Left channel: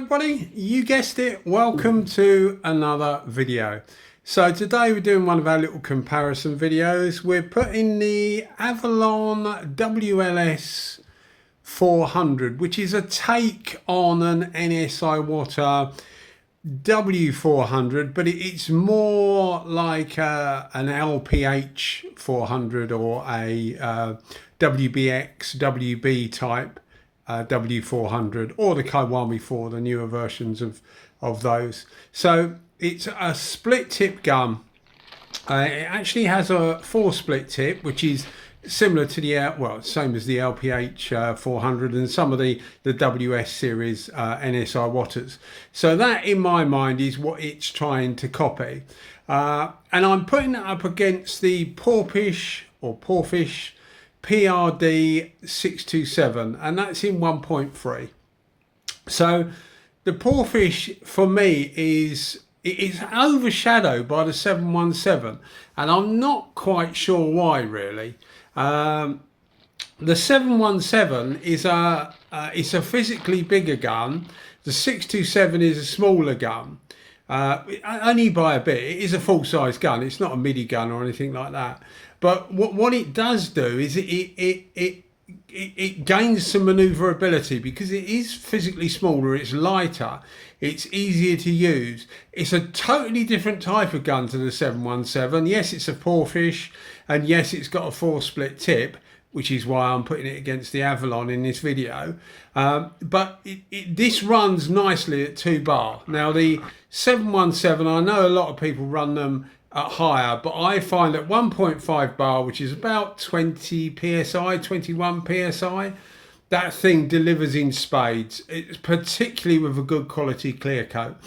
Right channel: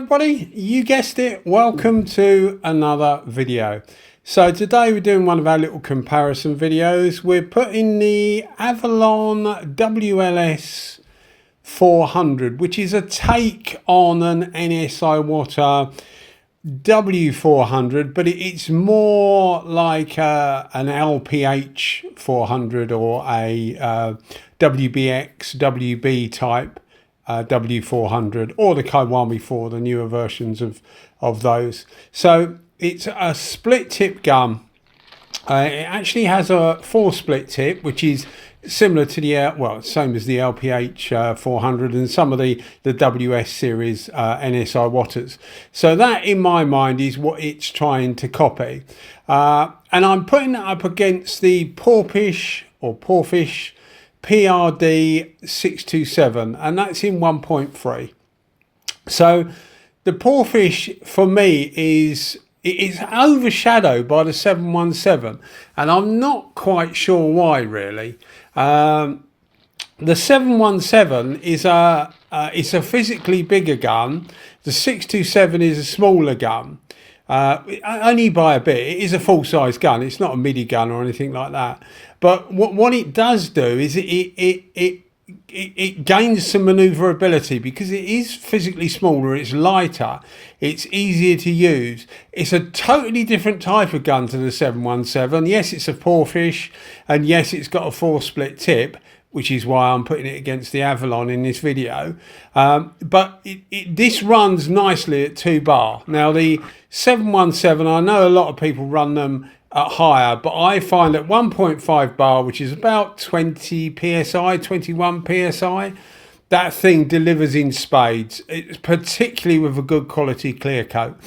everybody, you guessed it, welcome to another video. So today we're doing one of our little comparison videos. We're putting the Avalon WLS400, which is a take on an NSI Water W400, but it's more like an LPH 400 or a WBX, WB type W400, or the Kiwami 4, the newer versions of those. So it's a split tip gun. It actually has a 4 split tip, which is similar to the same as the LPH 400 and some of the WS series NSI Waters. So that, in my mind, is what it's trying to copy. And I'm putting that up against the Porphis PRD627, and that's in 1.3. So the Porphis for me is overshadowed by the 717, and I'm not quite sure why really. The 717 is it's a physically bigger gun. The 627 is a smaller gun, only by a bit. It is a full-size gun. It's not a midi gun or anything like that. But what it does do is it gains some manoeuvrability because it is physically smaller, it's lighter, it's easier to use. It's a totally different type of gun to the 717. Yes, it's a Porphis, and yes, it's got a 4 split tip, which is why I'm putting it against the Avalon in this video. But this runs nicely at 2 bar. Now the 717, I know a lot of people run them at higher, but I find at 1.5 bar, which is about 20 psi, 21 psi, that thing delivers in spades. It's particularly with a good quality clear coat.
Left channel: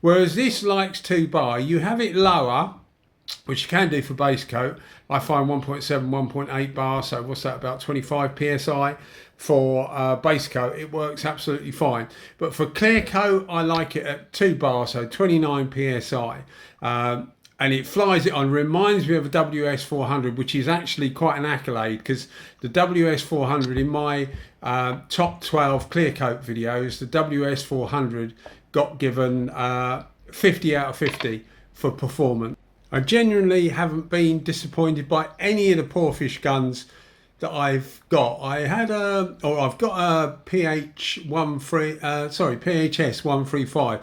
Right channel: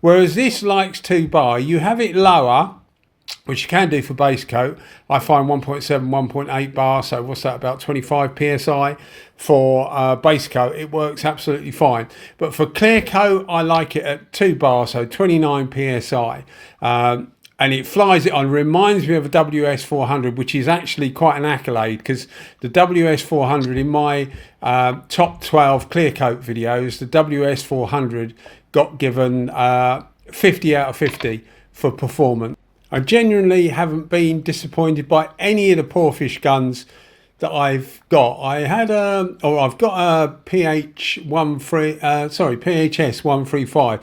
Whereas this likes 2 bar, you have it lower, which you can do for base coat. I find 1.7, 1.8 bar, so what's that, about 25 psi for base coat. It works absolutely fine. But for clear coat, I like it at 2 bar, so 29 psi. And it flies it on. Reminds me of a WS400, which is actually quite an accolade, because the WS400, in my top 12 clear coat videos, the WS400 got given 50 out of 50 for performance. I genuinely haven't been disappointed by any of the Porphis guns that I've got. I've got a PHS 135,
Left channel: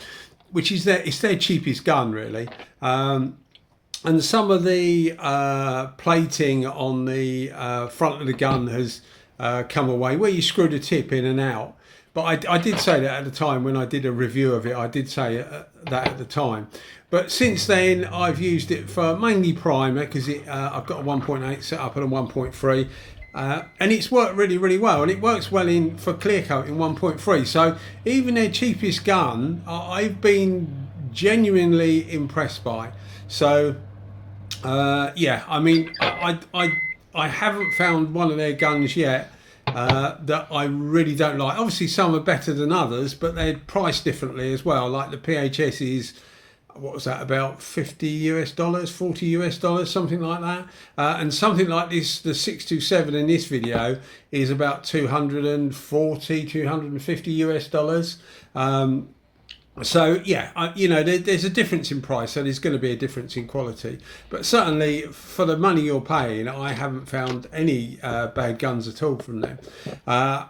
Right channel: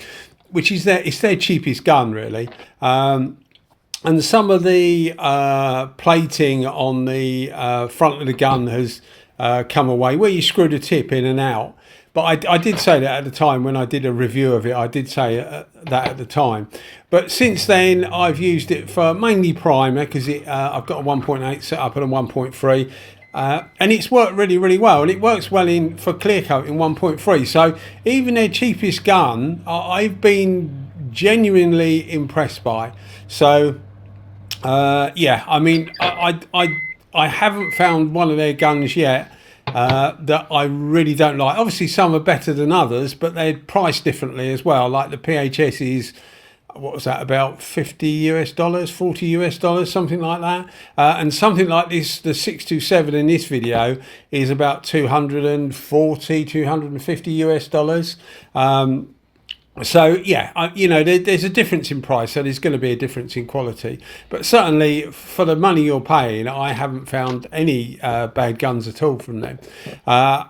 which is it's their cheapest gun really. And some of the plating on the front of the gun has come away, where you screw the tip in and out. But I did say that at the time when I did a review of it. I did say that at the time. But since then, I've used it for mainly primer, because I've got a 1.8 set up and a 1.3. And it's worked really, really well. And it works well for clear coat in 1.3. So even their cheapest gun, I've been genuinely impressed by. So yeah, I mean, I haven't found one of their guns yet that I really don't like. Obviously some are better than others, but they're priced differently as well. Like the PHS is, what was that, about $50 US, $40 US, something like that. And something like this, the 627 in this video, is about $240, $250 US. So yeah, you know, there's a difference in price, so there's going to be a difference in quality. But certainly for the money you're paying, I haven't found any bad guns at all from them. I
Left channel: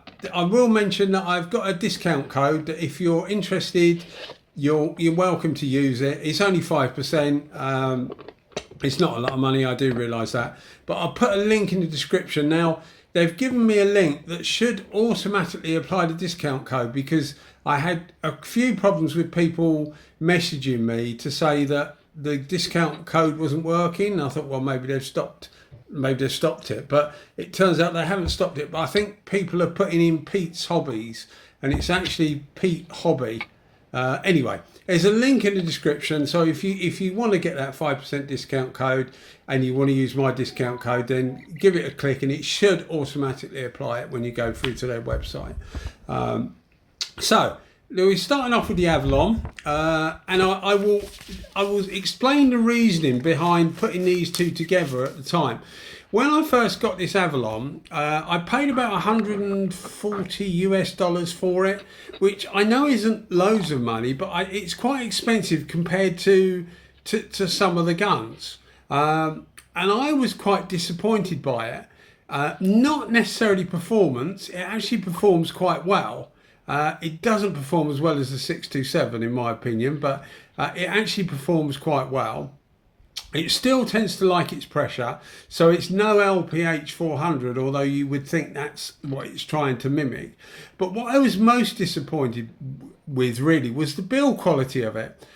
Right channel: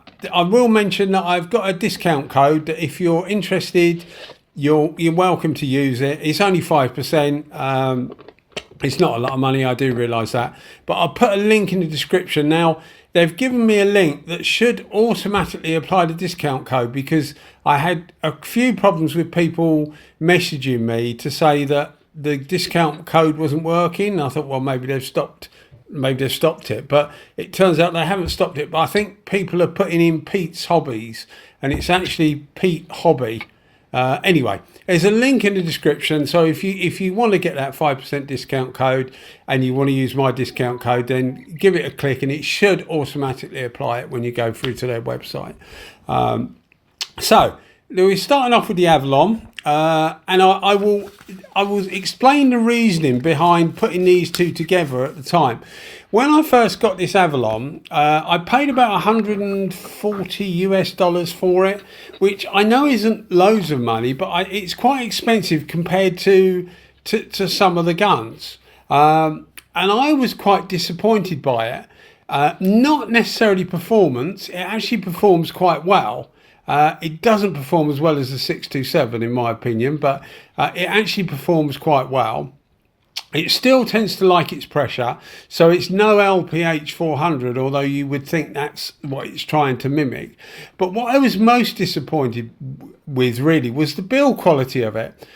will mention that I've got a discount code that if you're interested, you're welcome to use it. It's only 5%. It's not a lot of money, I do realise that. But I'll put a link in the description. Now, they've given me a link that should automatically apply the discount code, because I had a few problems with people messaging me to say that the discount code wasn't working. I thought, well, maybe they've stopped it, but it turns out they haven't stopped it. But I think people are putting in Pete's Hobbies, and it's actually Pete Hobby. Anyway, there's a link in the description, so if you want to get that 5% discount code and you want to use my discount code, then give it a click and it should automatically apply it when you go through to their website. So we're starting off with the Avalon, and I will explain the reasoning behind putting these two together at the time. When I first got this Avalon, I paid about $140 for it, which I know isn't loads of money, but it's quite expensive compared to some of the guns. And I was quite disappointed by it. Not necessarily performance, it actually performs quite well. It doesn't perform as well as the 627 in my opinion, but it actually performs quite well. It still tends to like its pressure, so it's no LPH400, although you would think that's what it's trying to mimic. But what I was most disappointed with really was the build quality of it,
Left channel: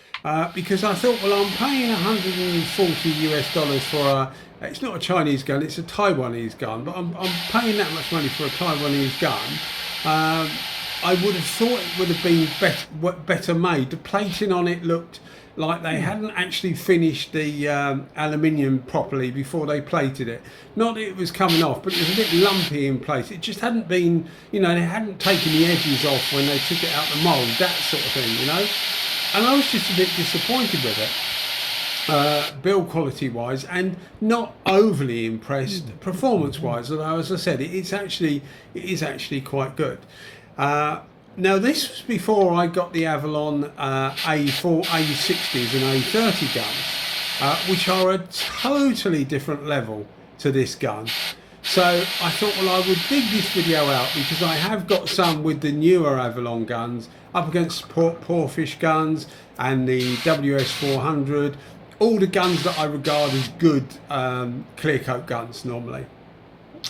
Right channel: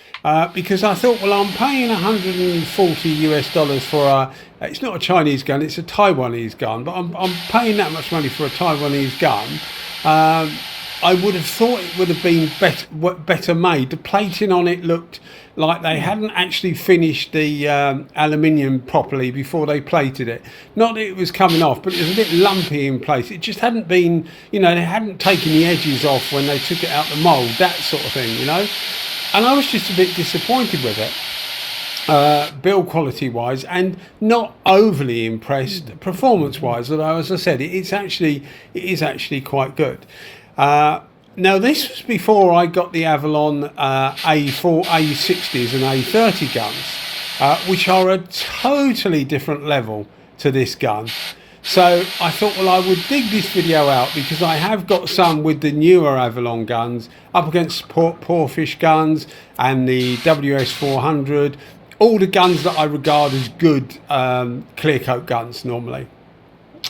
because I thought, well, I'm paying $140 for it's not a Chinese gun, it's a Taiwanese gun, but I'm paying that much money for a Taiwanese gun. I would have thought it would have been better made. The plating on it looked like they hadn't actually finished the aluminium properly before they plated it. Not that it was coming off, but it was a bit lumpy in place. It just hadn't been, they hadn't taken the edges off when they took it out the mould, that sort of thing, And I was just a bit disappointed with it, build quality wise, and not overly impressed performance wise, although as I said, it is actually quite good. Now this was before I got the Avalon A60s and A30 guns, which are a totally different level to this gun. So I thought, well, I would dig this video out because I have got some with the newer Avalon guns up against Porphis guns and the WS400, all the guns that I regard as good clear coat guns normally.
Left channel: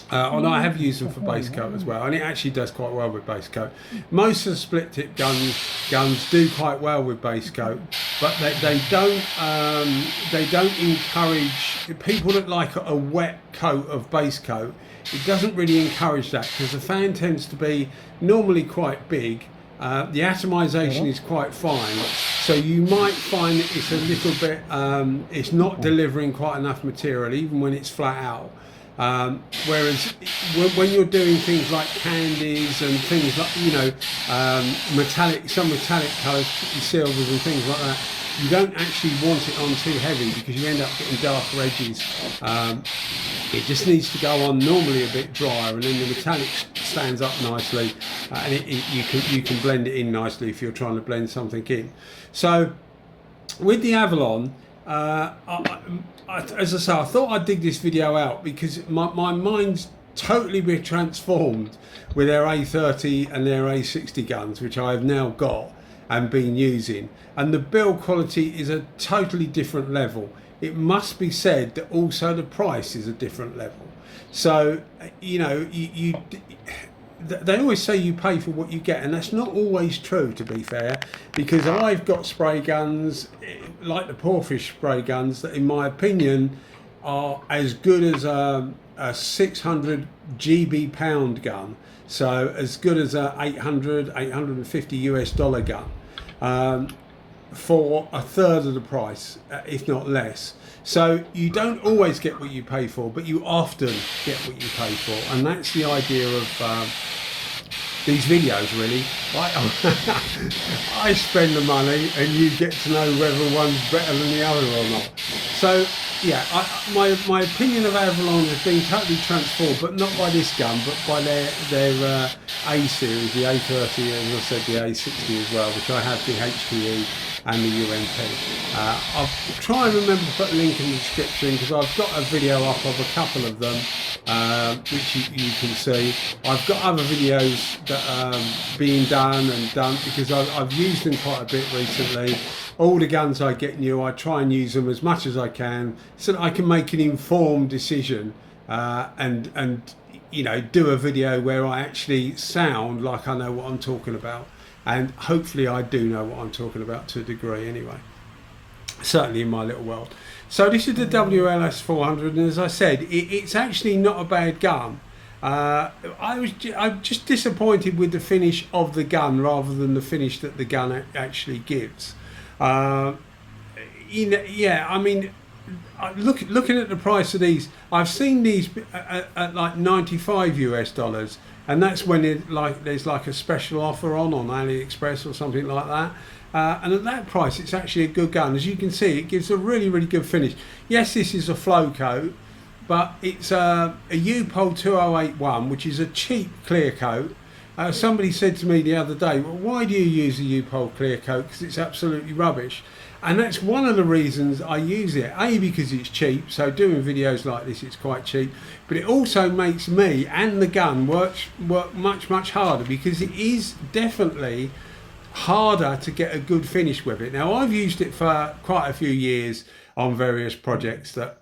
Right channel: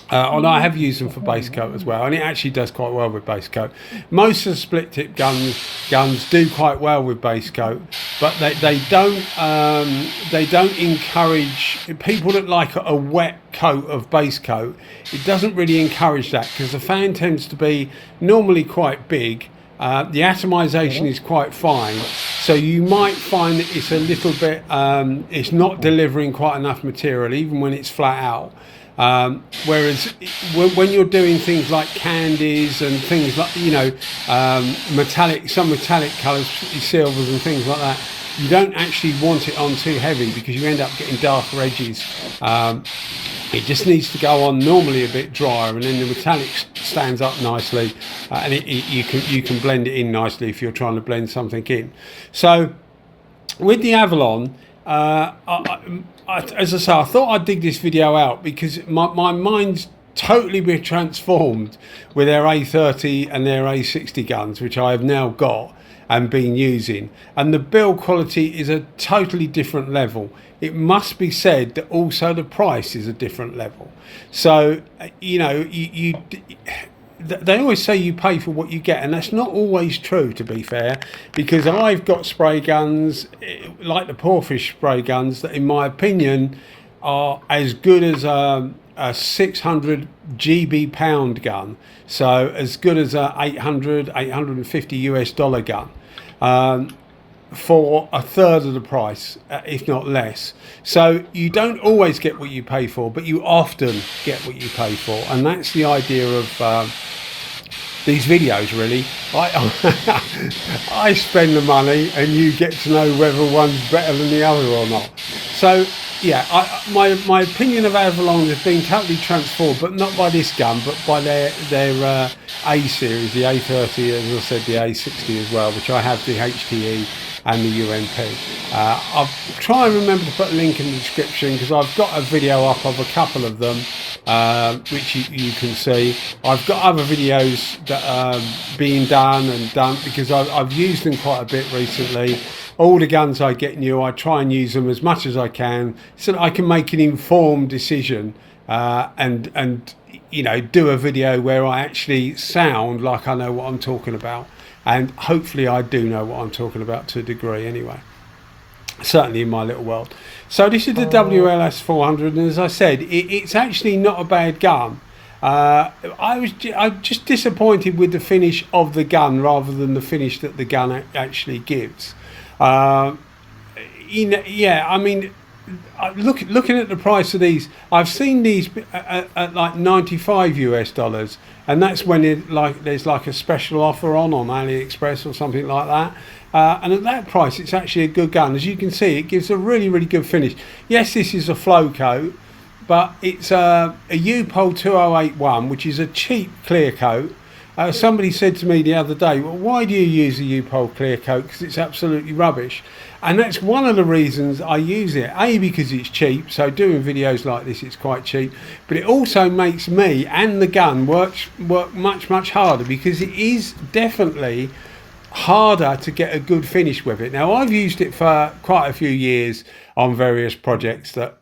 And I have used them for base coat as well, and it actually does quite well with base coat. Most of the split tip guns do quite well with base coat, but they don't encourage people that like a wet coat of base coat. It doesn't really encourage that because the fan tends to be normally quite big. The atomization is quite fine, so you might find that it's a little bit it's not delivering quite enough material even when it's flat out. Whereas when you're doing things like candies and things like, some metallic colours, silvers and things like that, you don't actually want it on too heavy because you end up getting darker edges. It just needs to go on normally a bit drier, and then the metallic stands up nicely, and you can blend it in nicely if you're trying to blend something in. So with the Avalon, as I say, I thought I'd dig this video out because my mind's totally been transformed with their A30 and their A60 guns, which I have now got and been using, and the build quality is a totally different level. It must be said that also the price is a different level. So they always say you pay for what you get, and that's not always true, to be fair, because I've got spray guns like the Porphis spray guns that in my opinion are as good as a 600 GB pound gun, so as good as a $850 gun, for a third of the price, if not less. So you don't always get what you pay for, but you often get what you pay for, and that's the idea of these videos really. I spend the money and you get to know whether one's better than the other or not. So yeah, my opinion of Avalon has been totally transformed, but not by this gun, but by their A series, the A30, and as I said, the A60 as well, which I have the HTE and the UMP. I'll try and remember to put a link in the description because I've got a video up of a couple of them, which you can see. I've got other videos that are being done because I've used them quite a bit recently. All the guns I get new, I try and use them as much as I can so that I can make an informed decision and do a video where I actually sound like I know what I'm talking about. And hopefully I do know what I'm talking about to a degree anyway, certainly in my little world. So this is the WLS400, and as I said, it's actually not a bad gun. I'm just disappointed with the finish of the gun rather than the finish that the gun actually gives. I mean, looking at the price of these, I've seen these at like $95, and that's when there's like a special offer on AliExpress or something like that. And at that price, it's actually a good gun. As you can see, it gives a really, really good finish. Yes, this is a flow coat, but it's a Upol 2081, which is a cheap clear coat. Somebody said to me the other day, well, why do you use a Upol clear coat? Because it's absolutely rubbish. And that's one of the reasons I use it. A, because it's cheap, so doing videos like this, it's quite cheap. But it also makes me and the gun work much harder, because it is definitely harder to get a good finish with it. Now, I've used it for quite a few years on various projects that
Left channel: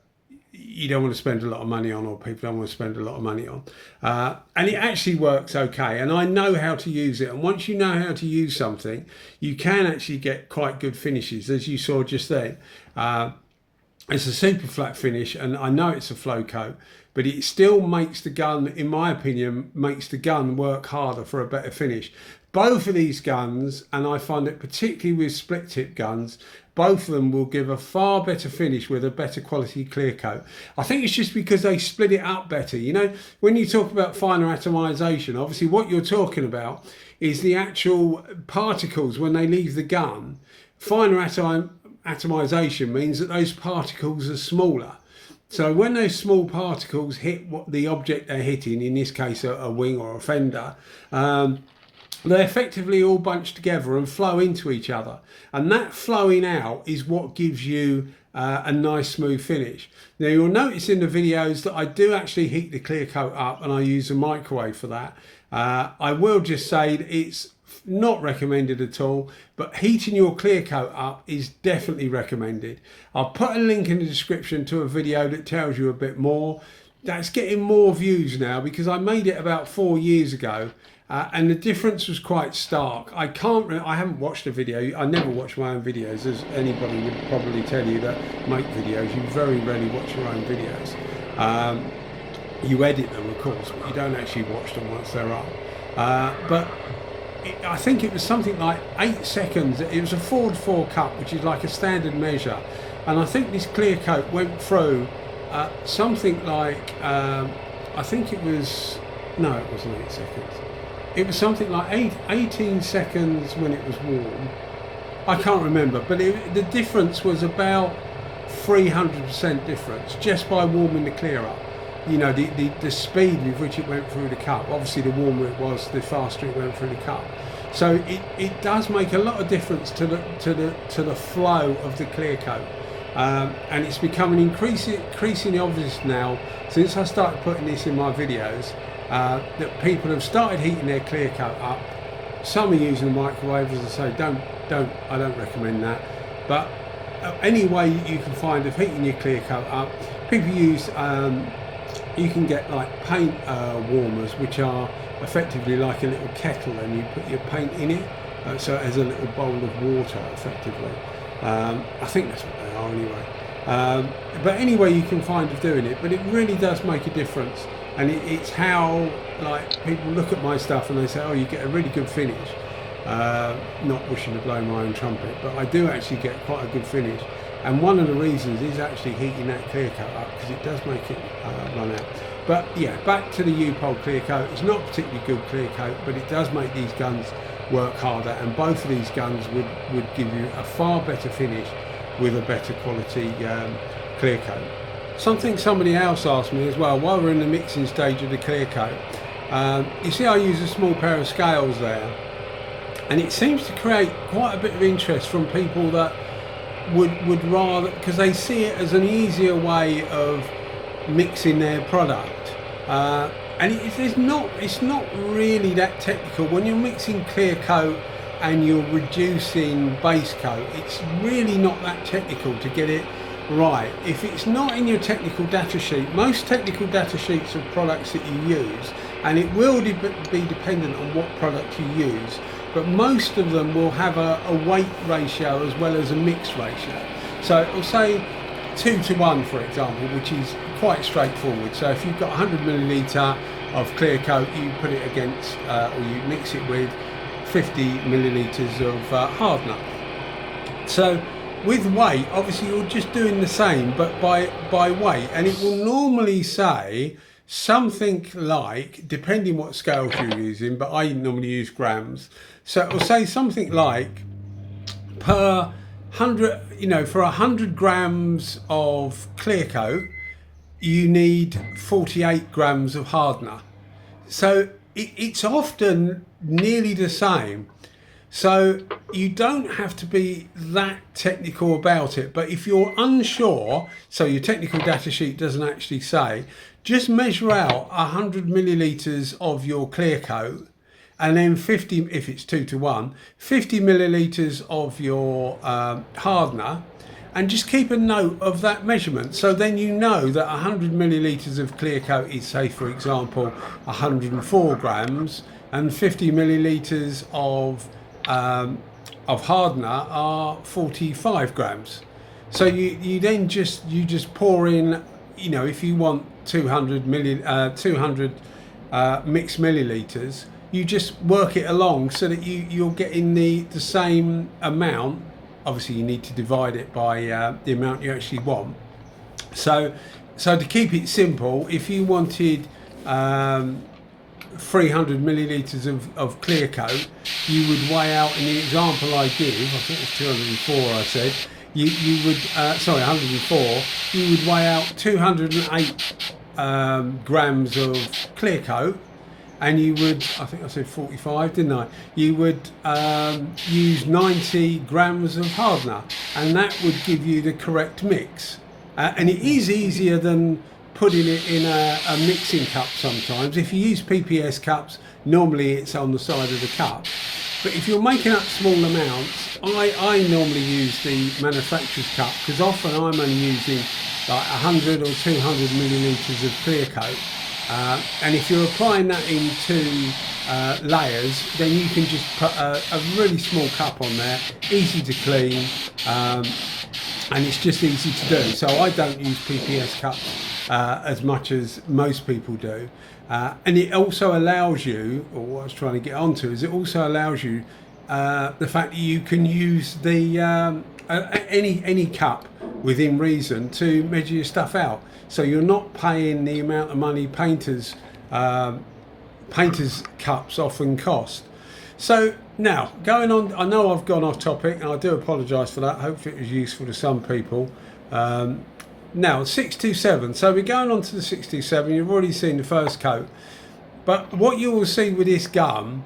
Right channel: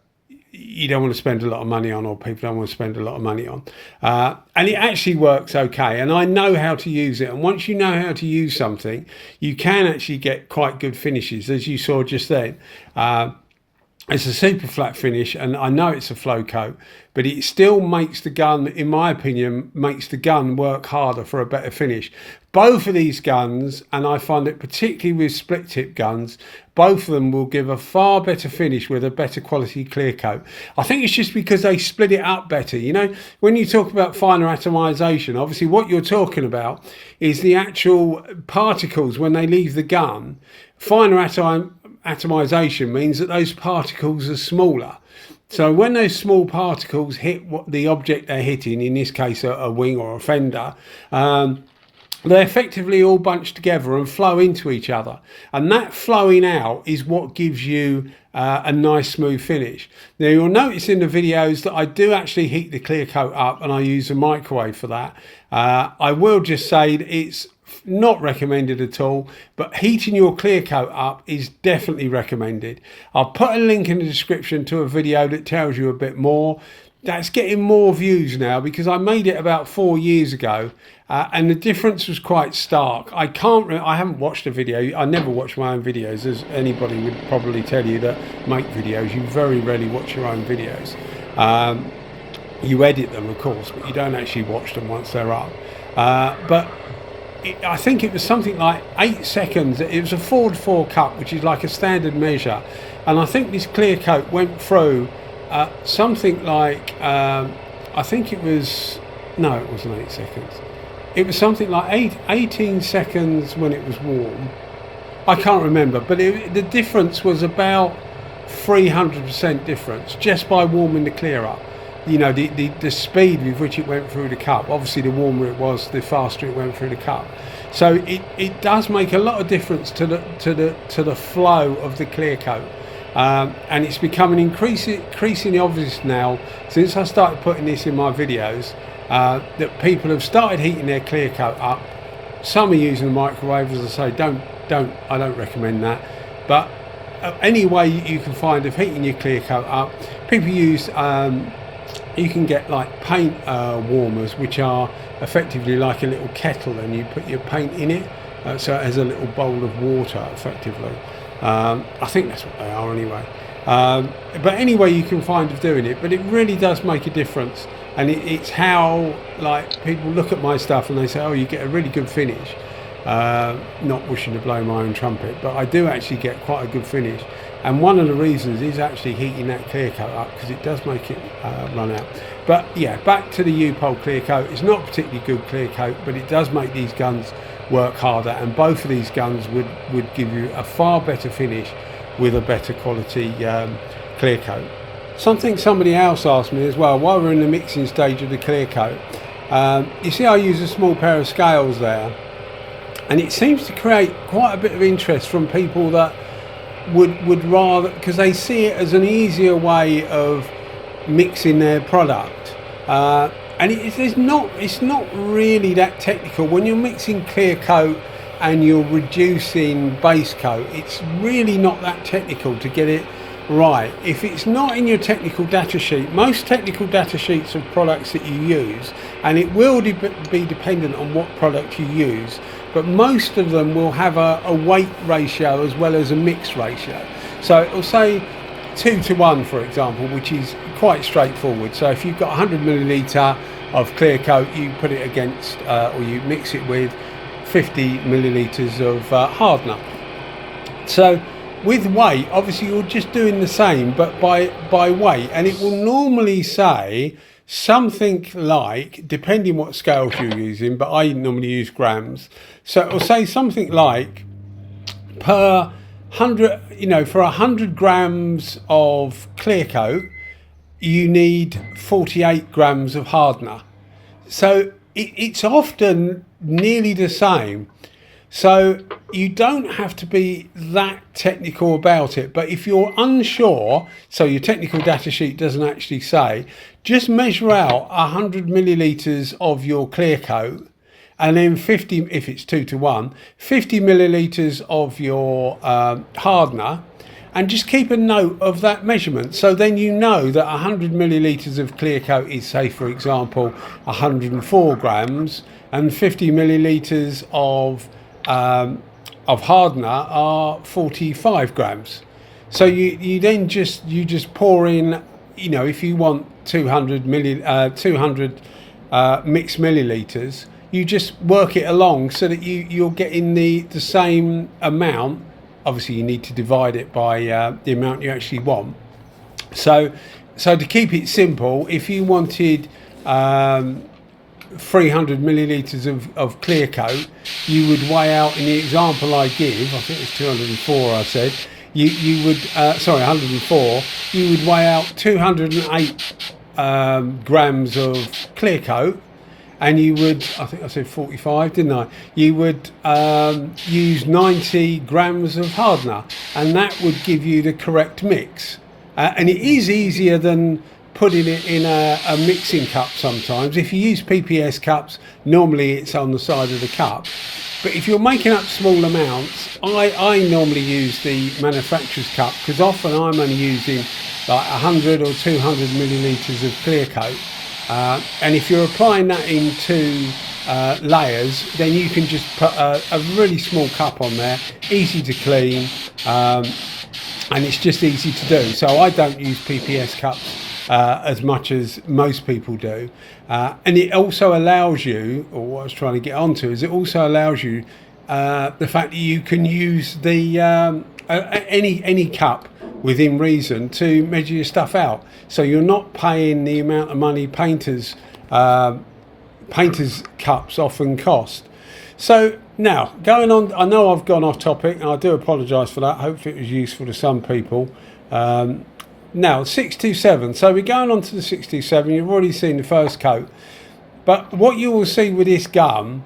you don't want to spend a lot of money on, or people don't want to spend a lot of money on, and it actually works okay, and I know how to use it. And once you know how to use something, you can actually get quite good finishes, as you saw just then. It's a super flat finish, and I know it's a flow coat, but it still makes the gun, in my opinion, makes the gun work harder for a better finish. Both of these guns, and I find it particularly with split tip guns, both of them will give a far better finish with a better quality clear coat. I think it's just because they split it up better. You know, when you talk about finer atomization, obviously what you're talking about is the actual particles when they leave the gun. Finer atomization means that those particles are smaller. So when those small particles hit what the object they're hitting, in this case a wing or a fender, they effectively all bunch together and flow into each other, and that flowing out is what gives you a nice smooth finish. Now, you'll notice in the videos that I do actually heat the clear coat up, and I use a microwave for that. I will just say that it's not recommended at all, but heating your clear coat up is definitely recommended. I'll put a link in the description to a video that tells you a bit more. That's getting more views now, because I made it about 4 years ago, and the difference was quite stark. I haven't watched a video. I never watch my own videos, as anybody would probably tell you that make videos. You very rarely watch your own videos. You edit them, of course, but you don't actually watch them once they're up. I think it was something like 8 seconds. It was a 4:4 cut, which is like a standard measure, and I think this clear coat went through something like I think it was, no, it wasn't 8 seconds. It was something like 18 seconds when it was warm. I can't remember, but the difference was about 300% difference just by warming the clear up. You know, the speed with which it went through the cup. Obviously, the warmer it was, the faster it went through the cup. So it does make a lot of difference to the flow of the clear coat. And it's becoming increasingly obvious now, since I started putting this in my videos, that people have started heating their clear coat up. Some are using the microwave, as I say. I don't recommend that. But any way you can find of heating your clear coat up, people use. You can get like paint warmers, which are effectively like a little kettle, and you put your paint in it, so it has a little bowl of water, effectively. I think that's what they are anyway. But anyway, you can find of doing it, but it really does make a difference. And it's how, like, people look at my stuff and they say, oh, you get a really good finish. Not wishing to blow my own trumpet, but I do actually get quite a good finish. And one of the reasons is actually heating that clear coat up, because it does make it run out. But yeah, back to the Upol clear coat. It's not a particularly good clear coat, but it does make these guns work harder, and both of these guns would give you a far better finish with a better quality clear coat. Something somebody else asked me as well, while we're in the mixing stage of the clear coat, you see I use a small pair of scales there, and it seems to create quite a bit of interest from people that would rather, because they see it as an easier way of mixing their product, and it's not really that technical. When you're mixing clear coat and you're reducing base coat, it's really not that technical to get it right. If it's not in your technical data sheet, most technical data sheets of products that you use, and it will be dependent on what product you use, but most of them will have a weight ratio as well as a mix ratio. So it'll say 2:1, for example, which is quite straightforward. So if you've got 100 milliliter of clear coat, you put it against, or you mix it with 50 milliliters of hardener. So with weight, obviously you're just doing the same, but by weight, and it will normally say something like, depending what scales you're using, but I normally use grams. So it will say something like per 100, for 100 grams of clear coat, you need 48 grams of hardener. So it's often nearly the same. So you don't have to be that technical about it. But if you're unsure, so your technical data sheet doesn't actually say, just measure out 100 millilitres of your clear coat, and then 50, if it's 2 to 1, 50 millilitres of your hardener, and just keep a note of that measurement. So then you know that 100 millilitres of clear coat is, say for example, 104 grams, and 50 millilitres of hardener are 45 grams. So you then just pour in, you know, if you want 200 mixed millilitres, you just work it along so that you're getting the same amount. Obviously you need to divide it by the amount you actually want. So to keep it simple, if you wanted 300 millilitres of clear coat, you would weigh out, in the example I give, I think it's 204 I said, you would, sorry, 104, you would weigh out 208 grams of clear coat, and you would, I think I said 45, didn't I? You would use 90 grams of hardener, and that would give you the correct mix. And it is easier than putting it in a mixing cup sometimes. If you use PPS cups, normally it's on the side of the cup. But if you're making up small amounts, I normally use the manufacturer's cup, because often I'm only using like 100 or 200 millilitres of clear coat. And if you're applying that into layers, then you can just put a really small cup on there, easy to clean, and it's just easy to do. So I don't use PPS cups as much as most people do. And it also allows you, or what I was trying to get onto, is it also allows you the fact that you can use the any cup within reason to measure your stuff out. So you're not paying the amount of money painters cups often cost. So now, going on, I know I've gone off topic, and I do apologise for that. Hopefully it was useful to some people. Now, 627. So we're going on to the 627. You've already seen the first coat. But what you will see with this gun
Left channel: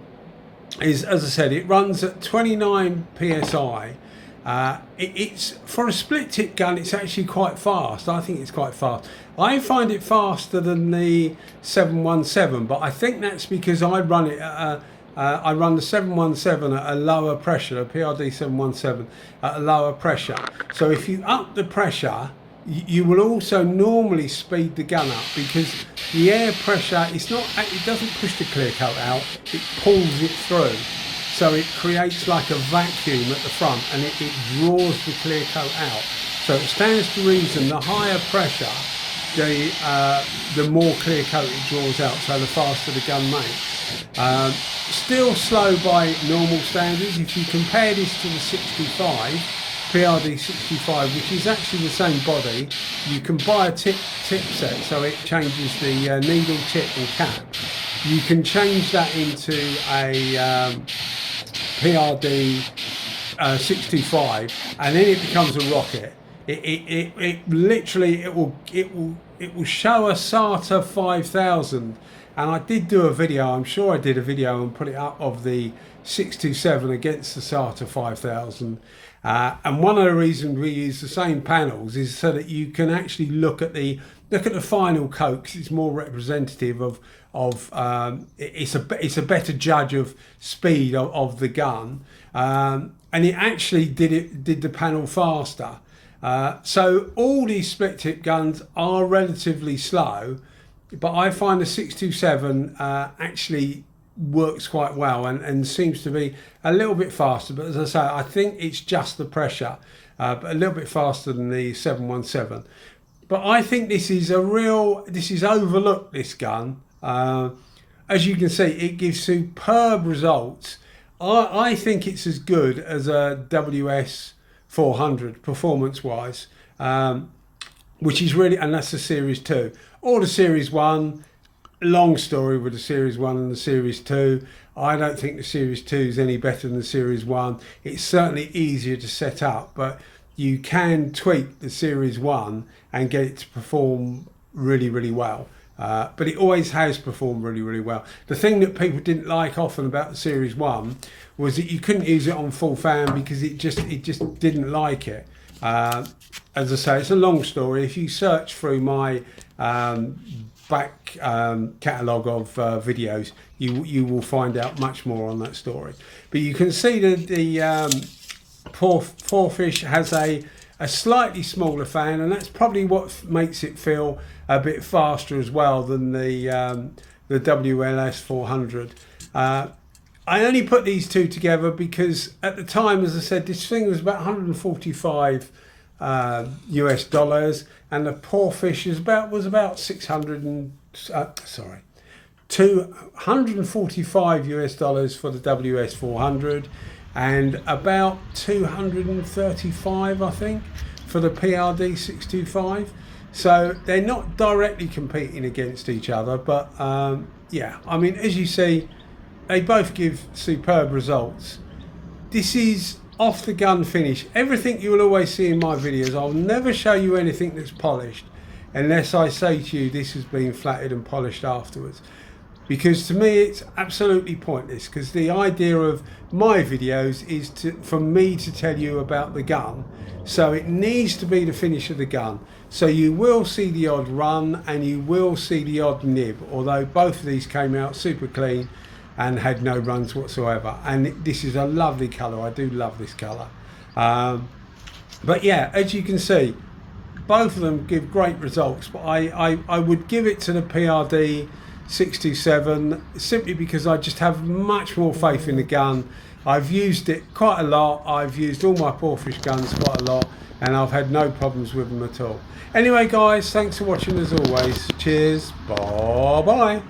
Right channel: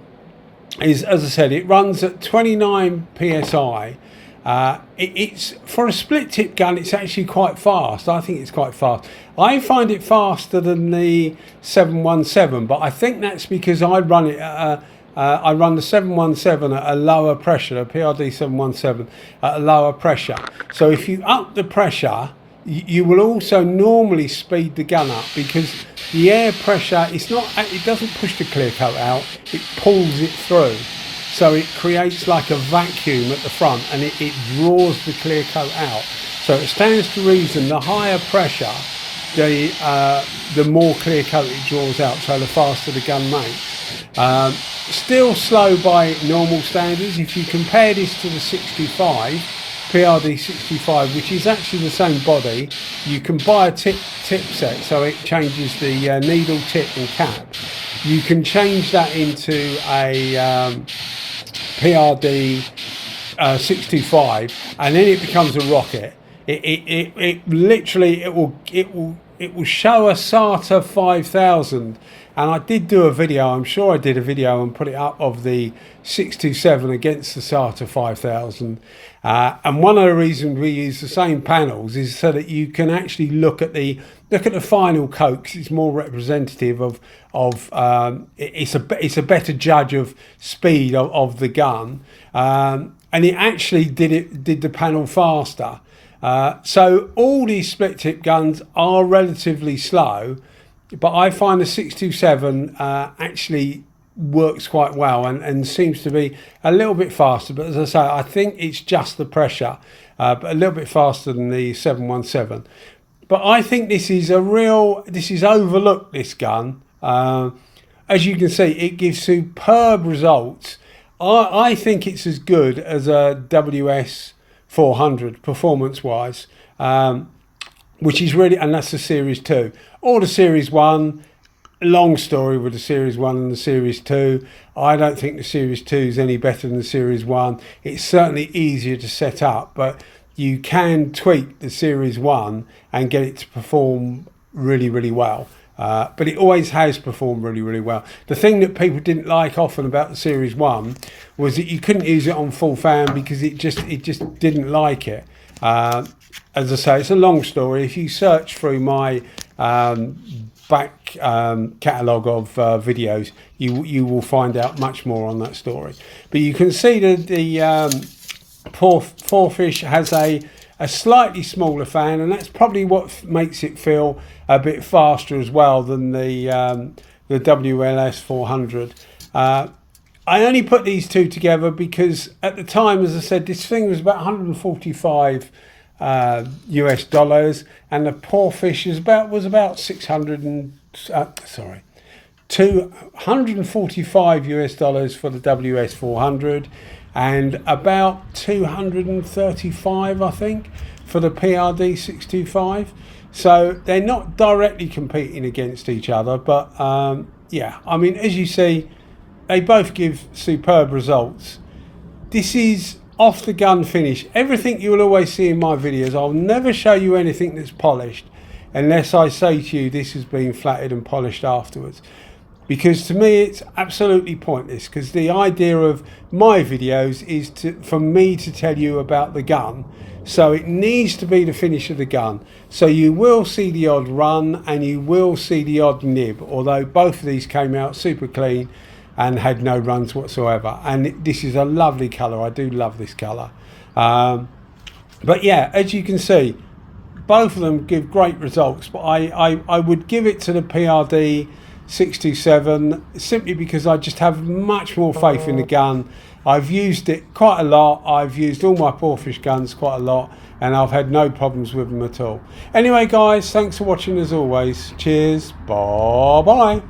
is, as I said, it runs at 29 PSI. It's for a split tip gun, it's actually quite fast. I think it's quite fast. I find it faster than the 717, but I think that's because I run it at I run the 717 at a lower pressure, the PRD717 at a lower pressure. So if you up the pressure, you will also normally speed the gun up, because the air pressure, it doesn't push the clear coat out, it pulls it through. So it creates like a vacuum at the front, and it draws the clear coat out. So it stands to reason the higher pressure, the more clear coat it draws out, so the faster the gun makes. Still slow by normal standards. If you compare this to the 65, PRD65, which is actually the same body, you can buy a tip set, so it changes the needle, tip and cap. You can change that into a PRD625, and then it becomes a rocket. It literally will show a SATA 5000, and I did do a video, I'm sure I did a video and put it up, of the 627 against the SATA 5000. And one of the reasons we use the same panels is so that you can actually look at the final coat, because it's more representative of it's a better judge of speed of the gun, and it actually did the panel faster. So all these split tip guns are relatively slow, but I find the 627 actually works quite well and seems to be a little bit faster. But as I say, I think it's just the pressure, but a little bit faster than the 717. But I think this is overlooked, this gun. As you can see, it gives superb results. I think it's as good as a WS400 performance-wise, which is really, and that's the Series 2. Or the Series 1, long story with the Series 1 and the Series 2. I don't think the Series 2 is any better than the Series 1. It's certainly easier to set up, but you can tweak the Series 1 and get it to perform really well. But it always has performed really well. The thing that people didn't like often about the Series 1 was that you couldn't use it on full fan because it just didn't like it. As I say, it's a long story. If you search through my back catalogue of videos, you will find out much more on that story. But you can see that the Porphis has a slightly smaller fan, and that's probably what makes it feel a bit faster as well than the WLS400. I only put these two together because at the time, as I said, this thing was about 145 US dollars, and the Pawfish was about 245 US dollars for the WS400, and about 235, I think, for the PRD625. So they're not directly competing against each other, but yeah, I mean, as you see, they both give superb results. This is off the gun finish. Everything you will always see in my videos, I'll never show you anything that's polished unless I say to you this has been flatted and polished afterwards, because to me it's absolutely pointless, because the idea of my videos is for me to tell you about the gun, so it needs to be the finish of the gun. So you will see the odd run and you will see the odd nib, although both of these came out super clean and had no runs whatsoever. And this is a lovely colour. I do love this colour. But yeah, as you can see, both of them give great results, but I would give it to the PRD627 simply because I just have much more faith in the gun. I've used it quite a lot. I've used all my Porphis guns quite a lot, and I've had no problems with them at all. Anyway guys, thanks for watching as always. Cheers, bye bye.